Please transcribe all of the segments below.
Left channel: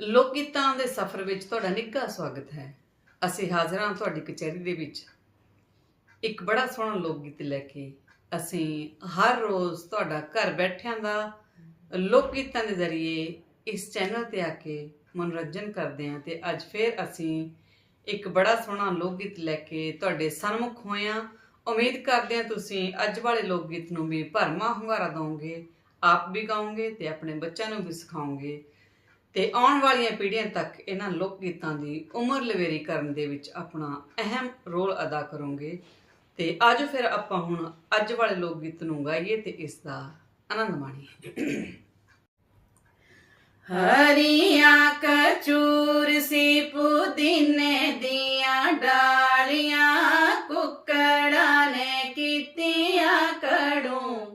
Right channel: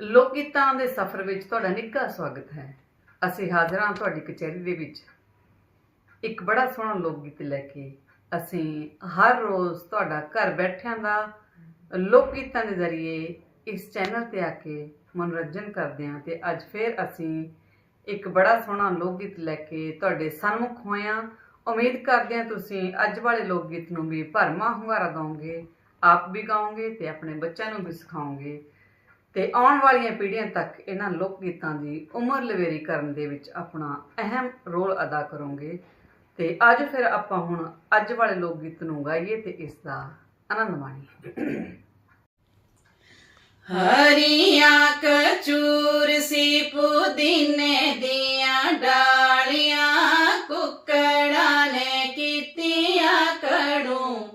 ਲੋਕ ਗੀਤਾਂ ਦੇ ਸਫ਼ਰ ਵਿੱਚ ਤੁਹਾਡਾ ਨਿੱਘਾ ਸਵਾਗਤ ਹੈ। ਅਸੀਂ ਹਾਜ਼ਰ ਹਾਂ ਤੁਹਾਡੀ ਕਚਹਿਰੀ ਦੇ ਵਿੱਚ। ਇੱਕ ਬੜਾ ਸੋਹਣਾ ਲੋਕ ਗੀਤ ਲੈ ਕੇ ਅਸੀਂ ਹਰ ਰੋਜ਼ ਤੁਹਾਡਾ ਘਰ ਬੈਠਿਆਂ ਦਾ ਲੋਕ ਗੀਤਾਂ ਦੇ ਜ਼ਰੀਏ ਇਸ ਚੈਨਲ ਤੇ ਆ ਕੇ ਮਨੋਰੰਜਨ ਕਰਦੇ ਹਾਂ ਤੇ ਅੱਜ ਫੇਰ ਅਸੀਂ ਇੱਕ ਬੜਾ ਸੋਹਣਾ ਲੋਕ ਗੀਤ ਲੈ ਕੇ ਤੁਹਾਡੇ ਸਨਮੁਖ ਹੋਏ ਹਾਂ। ਉਮੀਦ ਕਰਦੇ ਹਾਂ ਤੁਸੀਂ ਅੱਜ ਵਾਲੇ ਲੋਕ ਗੀਤ ਨੂੰ ਵੀ ਭਰਮਾ ਹੁੰਗਾਰਾ ਦਿਓਗੇ ਆਪ ਵੀ ਗਾਓਗੇ ਤੇ ਆਪਣੇ ਬੱਚਿਆਂ ਨੂੰ ਵੀ ਸਿਖਾਓਗੇ। ਤੇ ਆਉਣ ਵਾਲੀਆਂ ਪੀੜ੍ਹੀਆਂ ਤੱਕ ਇਹਨਾਂ ਲੋਕ ਗੀਤਾਂ ਦੀ ਉਮਰ ਲਵੇਰੀ ਕਰਨ ਦੇ ਵਿੱਚ ਆਪਣਾ ਅਹਿਮ ਰੋਲ ਅਦਾ ਕਰੋਗੇ। ਤੇ ਆਜੋ ਫਿਰ ਆਪਾਂ ਹੁਣ ਅੱਜ ਵਾਲੇ ਲੋਕ ਗੀਤ ਨੂੰ ਗਾਈਏ ਤੇ ਇਸ ਦਾ ਆਨੰਦ ਮਾਣੀਏ। ਹਰੀਆਂ ਕਚੂਰ ਸੀ ਪੁਦੀਨੇ ਦੀਆਂ ਡਾਲੀਆਂ, ਕੁੱਕੜਾਂ ਨੇ ਕੀਤੀਆਂ ਕੜੂ।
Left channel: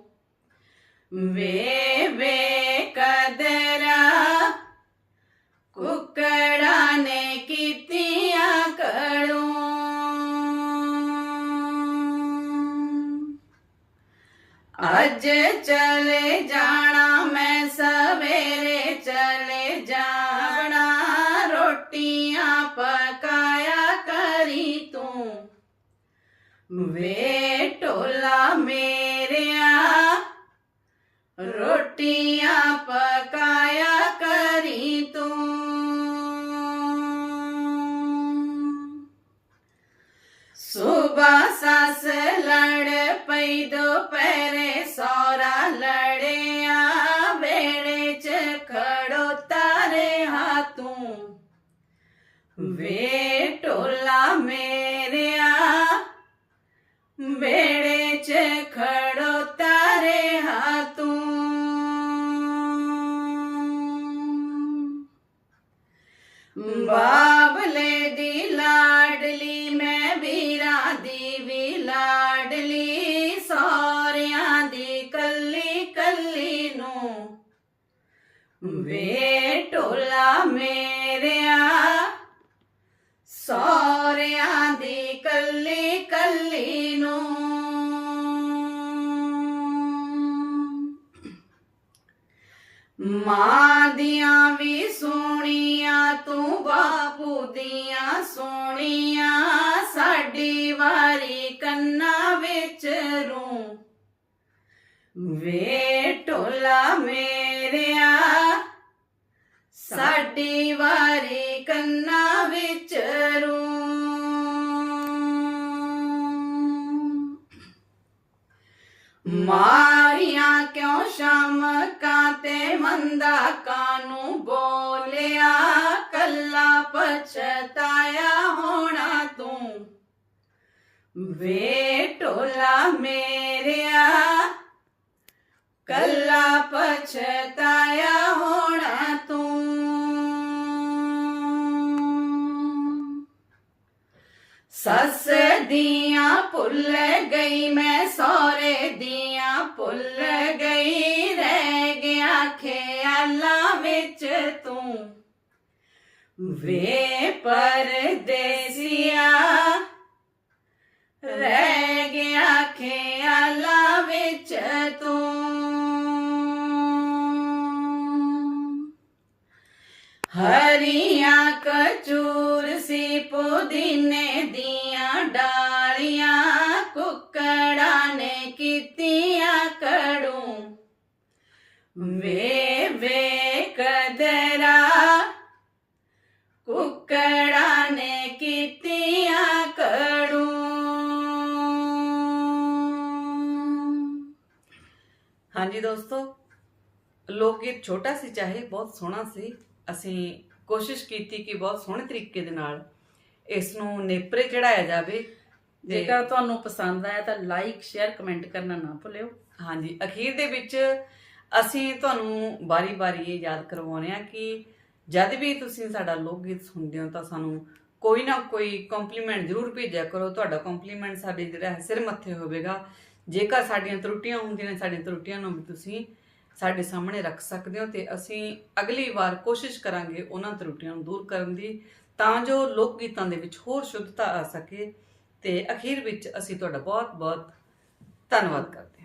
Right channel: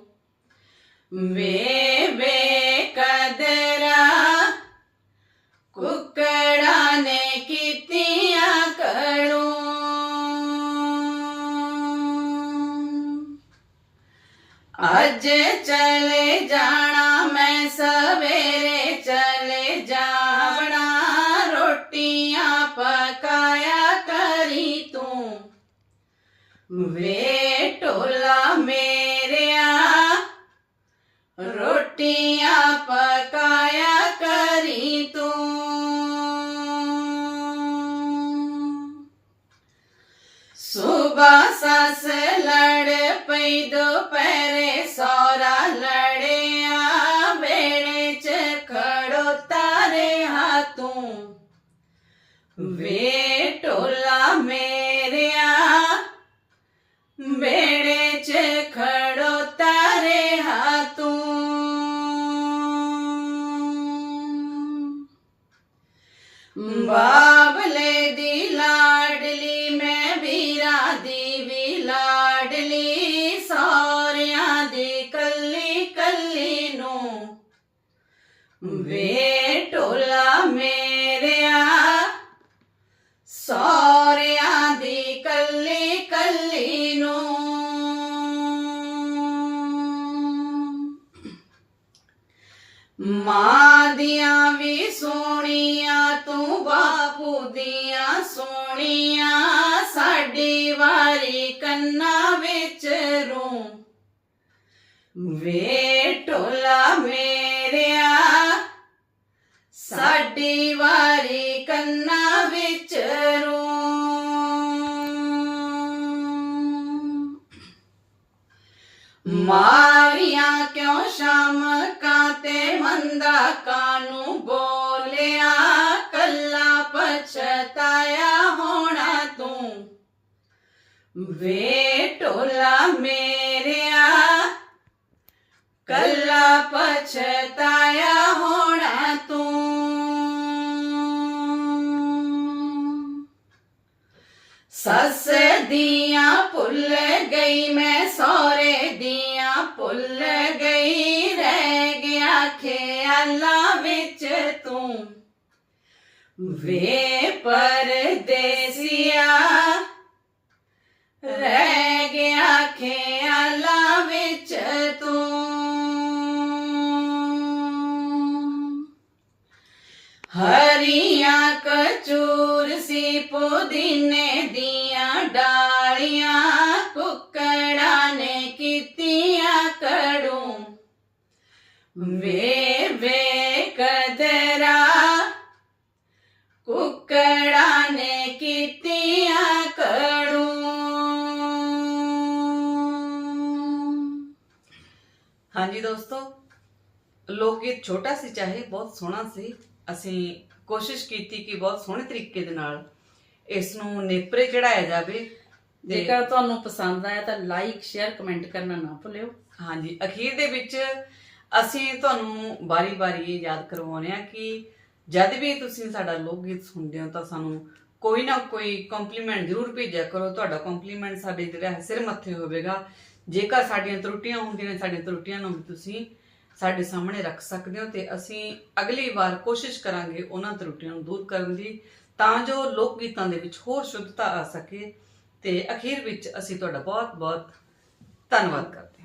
ਵੇ ਵੇ ਅੱਜ ਚਲੇ ਜਾਣਾ, ਮੈਂ ਸਵੇਰੇ ਚਲੇ ਜਾਵਣਾ। ਰੋਟੀਆਂ ਪਕਾਇਆ ਕਰੀ ਤੂੰ। ਵੇ ਢੋਲਾ ਮੇਰਿਆ, ਰੋਟੀ ਵੇ ਢੋਲਾ ਮੇਰਿਆ ਵੇੜੇ ਚ ਖੜੋਤਾ ਰਿਹਾ ਤੂੰ ਬਾਬਲੇ ਦੀ ਲਾਡਲੀ ਮੈਂ ਵੀਰਾਂ ਦੀ ਵੀ ਲਾਡਲੀ ਸੌਰਿਆਂ ਦੀ ਕੱਲੀ ਕੱਲੀ ਨੂੰ ਵੇ ਮਾਂ ਦੀਆਂ ਵੀ ਸੋਹਣੀਆਂ, ਤੂੰ ਬਾਪੂ ਦੀਆਂ ਸੋਹਣੀਆਂ, ਸਾਡੀ ਵਾਰੀ ਕੰਨਾਂ ਵਿੱਚ ਰੂ। ਵੇ ਢੋਲਾ ਮੇਰਿਆ, ਸਾਡੀ ਵਾਰੀ ਕੰਨਾਂ ਮਾਰੀਆਂ ਕਿਉਂ ਸ਼ਾਮ ਕਾਤੇ ਮੰਦਾ ਕਾਨੂੰ ਬੋਲਿਆ, ਕੱਲਾ ਪਛਤਾਇਆ ਹੋਣਾ ਤੂੰ। ਵੇ ਢੋਲਾ ਮੇਰਿਆ, ਕੱਲਾ ਪਛਤਾਇਆ ਹੋਣਾ ਤੂੰ। ਸੱਸ ਦੀਆਂ ਭੁੱਲ ਗਈ ਮੈਂ ਸਹੁਰੇ ਦੀਆਂ ਵੇ ਪਰਦੇਸੀਆ, ਰਹਿ ਗਿਆ ਖਿਆਲਾਂ ਵਿੱਚ ਤੂੰ। ਹਰੀਆਂ ਕਚੂਰ ਸੀ ਪੁਦੀਨੇ ਦੀਆਂ ਡਾਲੀਆਂ, ਕੁੱਕੜਾਂ ਨੇ ਕੀਤੀਆਂ ਕੜੂ। ਵੇ ਕੁੱਕੜਾਂ ਨੇ ਕੀਤੀਆਂ ਕੜੂ ਹਾਂਜੀ ਦੋਸਤੋ ਲੋਕ ਗੀਤ ਛੋਟਾ ਸੀ ਚਾਹੇ ਬਹੁਤ ਸੋਹਣਾ ਸੀ। ਅਸੀਂ ਕੋਸ਼ਿਸ਼ ਕੀਤੀ ਕਿ ਬਹੁਤ ਸੋਹਣੇ ਤਰੀਕੇ ਦੇ ਨਾਲ ਇਸ ਨੂੰ ਨੇਪਰੇ ਚੜਾਇਆ ਜਾਵੇ ਜੇਕਰ ਤੁਹਾਨੂੰ ਪਸੰਦ ਆਇਆ ਤਾਂ ਲਾਈਕ ਸ਼ੇਅਰ ਕਮੈਂਟ ਕਰਨਾ ਨਾ ਭੁੱਲਿਓ। ਹਾਂਜੀ ਅਖੀਰ ਦੇ ਵਿੱਚ ਅਸੀਂ ਤੁਹਾਨੂੰ ਬਾਰੀ-ਬਾਰੀ ਇਹ ਯਾਦ ਕਰਵਾਉਂਦੇ ਹਾਂ ਕਿ ਜਦ ਵੀ ਤੁਸੀਂ ਸਾਡਾ ਲੋਕ ਗੀਤ ਸੁਣਦੇ ਹੋ ਤਾਂ ਸਾਨੂੰ ਕੋਈ ਨਾ ਕੋਈ ਕੰਪਲੀਮੈਂਟ ਜ਼ਰੂਰ ਭੇਜਿਆ ਕਰੋ। ਤੁਹਾਡਾ ਕੰਪਲੀਮੈਂਟ ਸਾਡੇ ਜਿਹੜਾ ਹੈ ਸਿਰ ਮੱਥੇ ਹੋਵੇਗਾ। ਜੇਕਰ ਸਾਡੀਆਂ ਤਰੁੱਟੀਆਂ ਹੁੰਦੀਆਂ ਨੇ ਸਾਡੀਆਂ ਤਰੁੱਟੀਆਂ ਨੂੰ ਵੀ ਤੁਸੀਂ ਸਾਡੇ ਸਾਹਮਣੇ ਰੱਖ ਸਕਦੇ ਹੋ ਤੇ ਅਸੀਂ ਅਗਲੀ ਵਾਰ ਕੋਸ਼ਿਸ਼ ਕਰਾਂਗੇ ਉਹਨਾਂ ਤਰੁੱਟੀਆਂ ਨੂੰ ਦੂਰ ਕਰਨ ਦੀ, ਤਾਂ ਜੋ ਲੋਕ ਗੀਤਾਂ ਦੇ ਵਿੱਚ ਹੋਰ ਸ਼ੁੱਧਤਾ ਆ ਸਕੇ ਤੇ ਅਖੀਰ ਵਿੱਚ ਅਸੀਂ ਤੁਹਾਡਾ ਬਹੁਤ ਬਹੁਤ ਧੰਨਵਾਦ ਕਰਦੇ